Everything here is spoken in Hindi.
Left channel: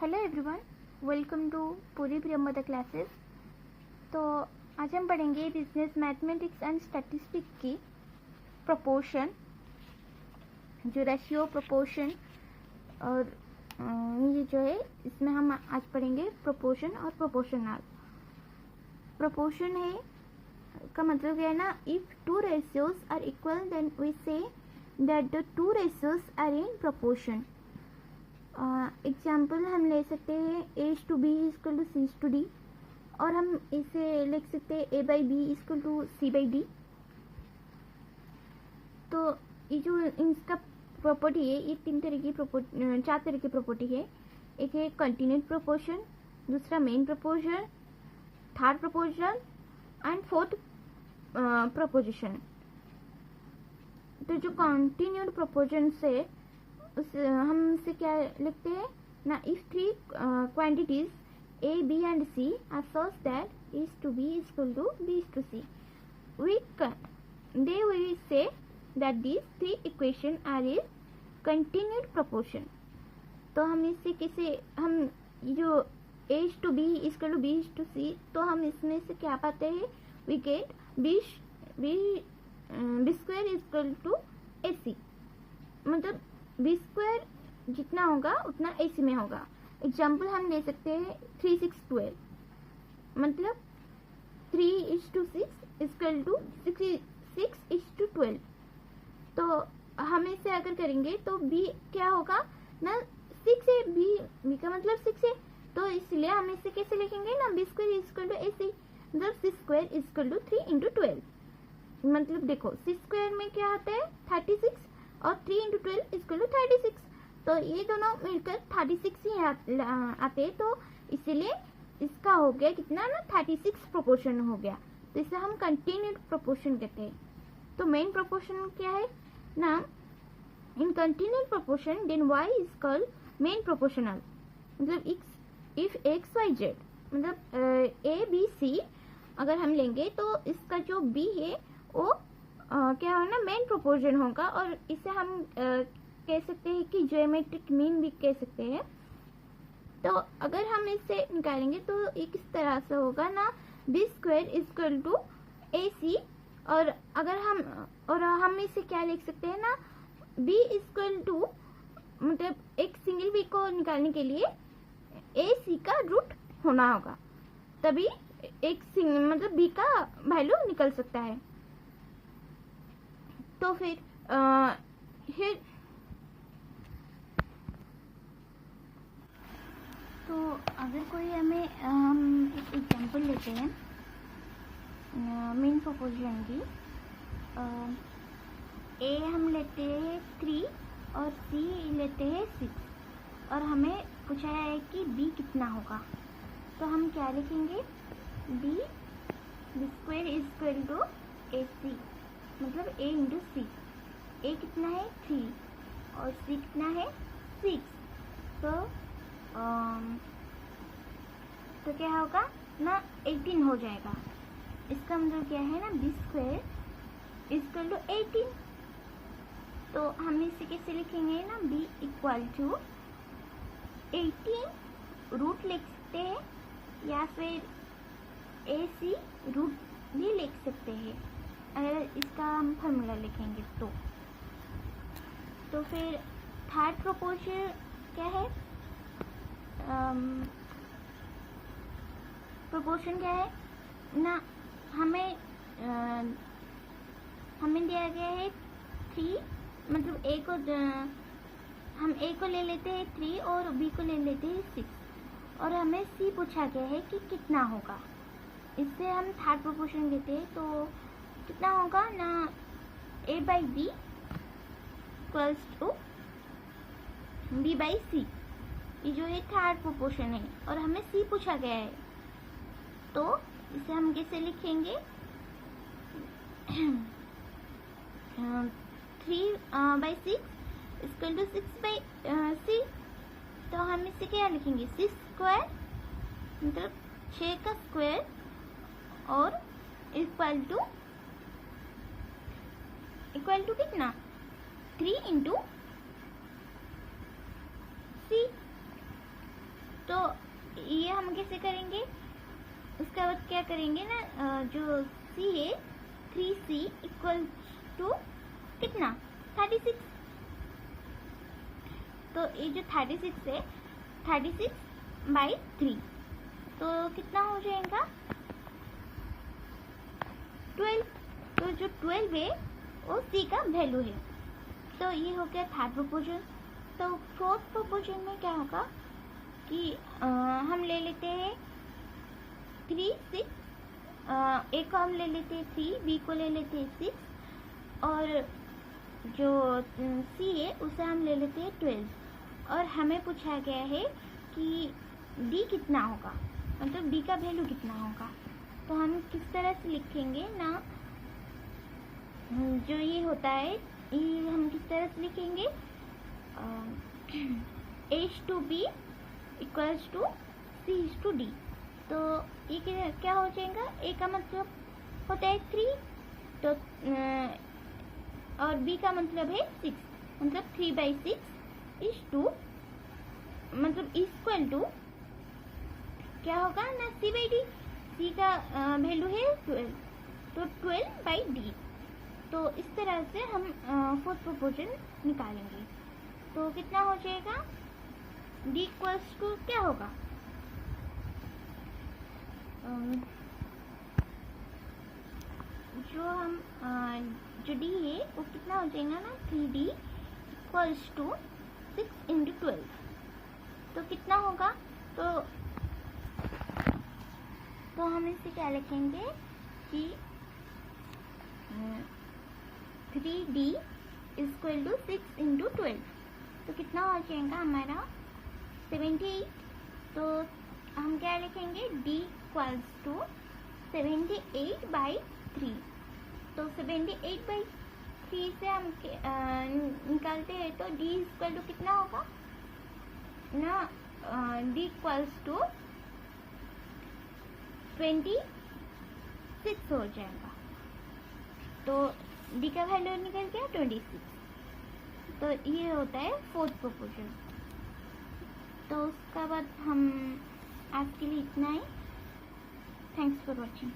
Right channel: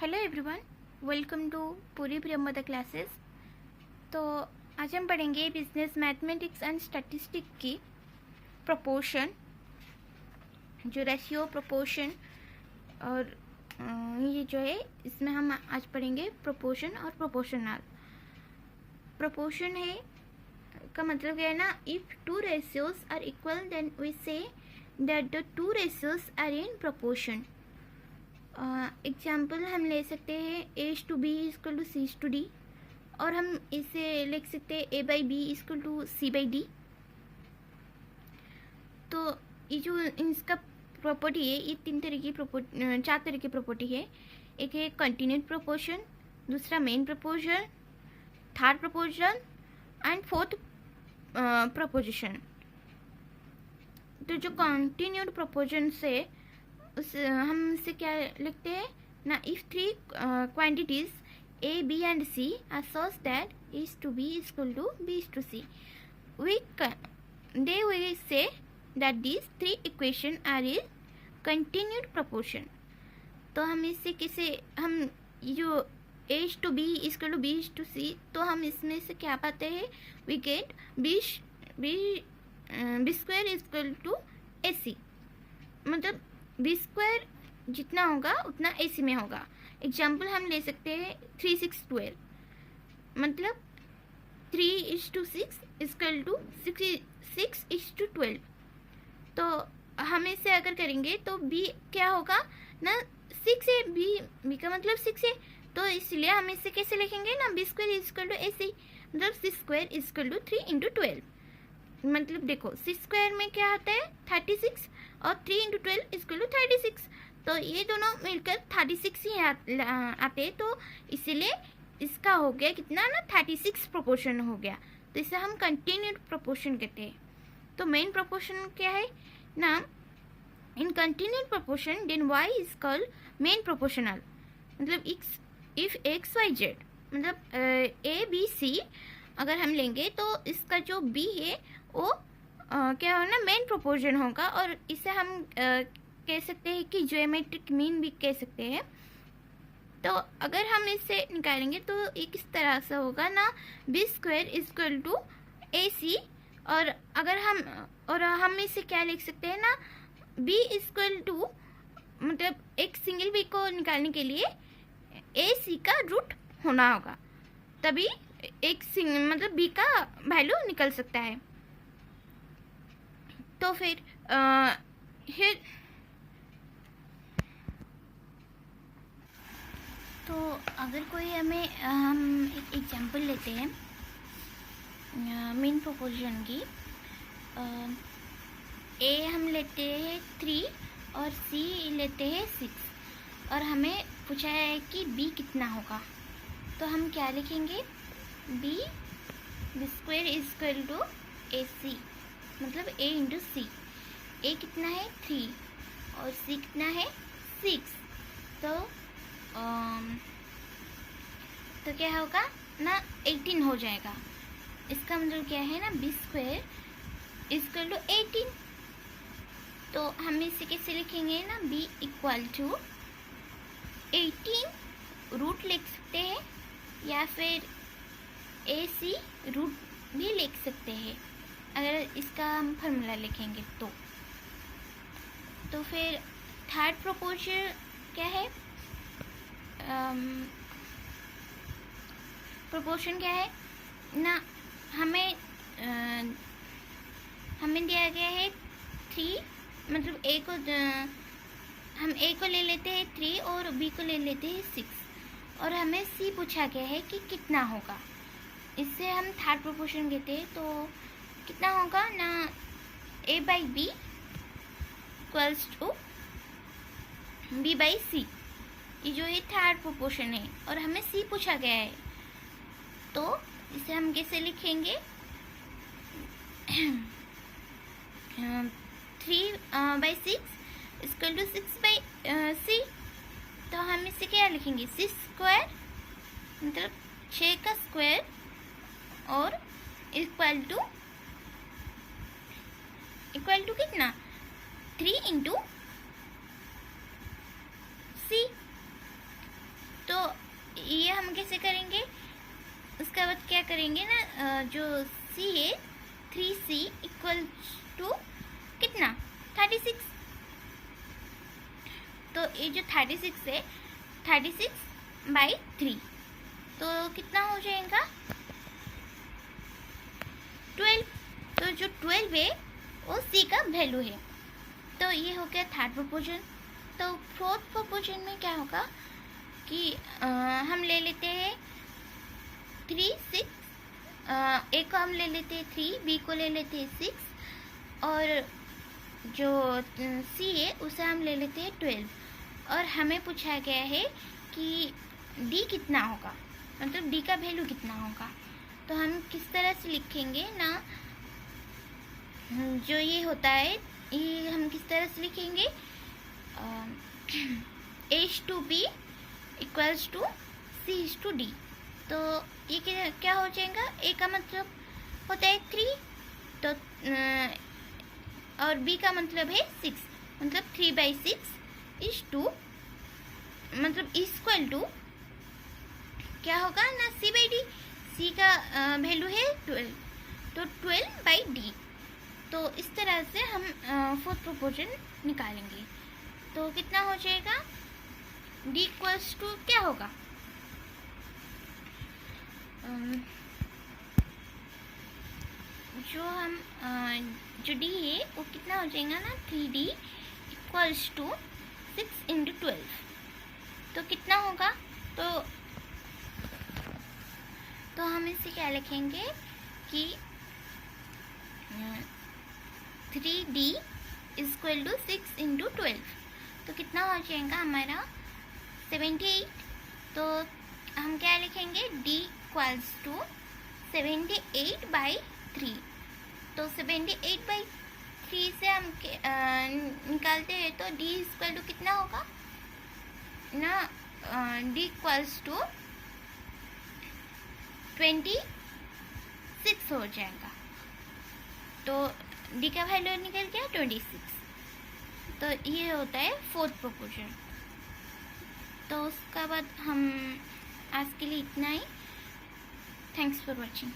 हेलो एवरीवन, वेलकम टू पूरी प्रियमदा क्लासेस। तो आज हम पढ़ेंगे बिजनेस मैथमेटिक्स एंड स्टैटिस्टिक की प्रोपोर्शन, जो रेशियो प्रोपोर्शन और ये जो है इसमें हम आज पढ़ेंगे प्रोपोर्शन और प्रोपोर्शनल। प्रोपोर्शन है का मतलब क्या है ना, if two ratios are equal then we say that the two ratios are in proportion. Example हम ले सकते हैं H to B is equal to C to D, और हम इसे लिख सकते हैं A by B is equal to C by D. तो ये जो इसका प्रॉपर्टी है, ये चार तरह की प्रॉपर्टी है। एक है कंटिन्यूड प्रोपोर्शन, दूसरा main proportion, third proportion and fourth proposition. तो जो कंटिन्यूड प्रोपोर्शन से हम इसे क्या लिखते हैं ना, if three quantities A B and C are such that is to B equal to B is to C, we say that these three equation are in continued proportion. तो हम इससे कैसे, हम जो H to B equal to B is to C, तो हम इसमें से क्या पाते हैं, we get B square equal to A C. मतलब बी स्क्वायर जितना होगा उतना ए सी में होगा। एग्जाम्पल हम ले सकते हैं 3 6 12, मतलब 3:6 इक्वल टू 6:12। तो हम इसे अगर करेंगे तो बी क्या होगा ना, 6 है, बी का मतलब 6 है, तो इसलिए हम इसे कैसे लिखेंगे ना, B square equal to A C, मतलब 6 स्क्वायर इक्वल टू 3 × 12। मतलब देखो 6 स्क्वायर में क्या आता है 36, और 3 × 12 इक्वल टू 36। तो ये दोनों मिलकर 36 ही आते हैं, तो इसीलिए इसका हो गया कितना ना, 36 प्रोपोर्शन हो गया। तो इसे हम कंटिन्यूड प्रोपोर्शन कहते हैं। तो मेन प्रोपोर्शन क्या है ना, in continued proportion then y is called mean proportional. मतलब इफ एक्स वाई जेड, मतलब ए बी सी अगर हम लेंगे तो इसका जो b है वो क्या हो ना, मेन प्रोपोर्शन होगा, और इसे हम कह सकते हैं कि ज्योमेट्रिक मीन भी कह सकते हैं। तो अगर हम इसे निकालेंगे तो ये किस तरह से होगा ना, B square equal to A सी, और अगर हम इसे क्या लिख सकते हैं ना, बी इक्वल टू, मतलब एक सिंगल बी को निकालने के लिए ए सी का रूट होना होगा, तभी एक मतलब बी का वैल्यू निकल सकता है। तो फिर तो अगर कोई हमें हम एक एग्जांपल लेते हैं मेन प्रोपोर्शन की, ए हम लेते हैं 3 और सी लेते हैं 6, और हमें पूछा है कि बी कितना होगा। तो हम क्या लिखेंगे, B square equal to A C, मतलब ए इंटू सी। ए कितना है 3 और सी कितना है 6। तो क्या होगा ना, 18 हो जाएगा। इसका मतलब क्या है ना, बी स्क्वायर इक्वल टू 18। तो हम इसे कैसे लिखेंगे ना, बी इक्वल टू 18 रूट लिख सकते हैं, या फिर ए सी रूट भी लिख सकते हैं अगर इसका हम फार्मूला लिखेंगे तो फिर थर्ड प्रोपोर्शन क्या है, प्रोपोर्शन क्या है ना, हमें दिया गया है 3, मतलब हम ए को ले लेते हैं 3 और बी को ले लेते हैं 6, और हमें सी पूछा गया है कि कितना होगा। इससे हम थर्ड प्रोपोर्शन कहते हैं। तो कितना होगा ना, A by B equals to B by C, ये जो है थर्ड प्रोपोर्शन है, और हमें सी पूछा गया है। तो इसे हम कैसे लिखेंगे, 3/6 इक्वल टू 6/c। तो हम इसे क्या लिखेंगे, 6 स्क्वायर, मतलब 6 का स्क्वायर, और इक्वल टू कितना, 3 × सी। कैसे करेंगे, उसके बाद क्या करेंगे ना, जो सी है 3c इक्वल टू कितना 36। तो ये जो 36 है 36/3, तो कितना हो जाएगा 12। तो जो 12 है वो सी का वैल्यू है। तो ये हो गया थर्ड प्रोपोर्शन। तो फोर्थ प्रोपोर्शन में क्या होगा कि हम ले लेते हैं 3 6, ए को हम ले लेते हैं 3, बी को ले लेते हैं 6 और जो सी है उसे हम ले लेते हैं 12। और हमें पूछा गया है कि डी कितना होगा, मतलब डी का वैल्यू कितना होगा। तो हम किस तरह से लिखेंगे ना, जो ये होता है ये हम किस तरह से लिखेंगे, H/B इक्वल्स टू C/D। तो ये क्या हो जाएगा, ए का मतलब होता है 3 तो और बी का मतलब है 6, मतलब 3/6 इज 2, मतलब इक्वल टू क्या होगा ना C/D। सी का वैल्यू है 12, तो 12/D। तो इस तरह से हम फोर्थ प्रोपोर्शन निकालेंगे। तो कितना हो जाएगा, D इक्वल्स टू क्या होगा, जो हम जो D है वो कितना हो जाएगा ना 3D इक्वल्स टू 6 × 12। तो कितना होगा, तो हम इसे क्या लिखेंगे कि 3D इक्वल टू 6 × 12। तो कितना हो जाएगा हमारा 78। तो हम क्या लिखेंगे, D इक्वल्स टू 78/3। तो 78/3 से हम निकालते हैं तो D इक्वल टू कितना होगा ना, D इक्वल्स टू 26 हो जाएगा। तो D का वैल्यू निकल गया 26। तो ये होता है फोर्थ प्रोपोर्शन। तो उसका बाद हम आज के लिए इतना ही। Thanks for watching.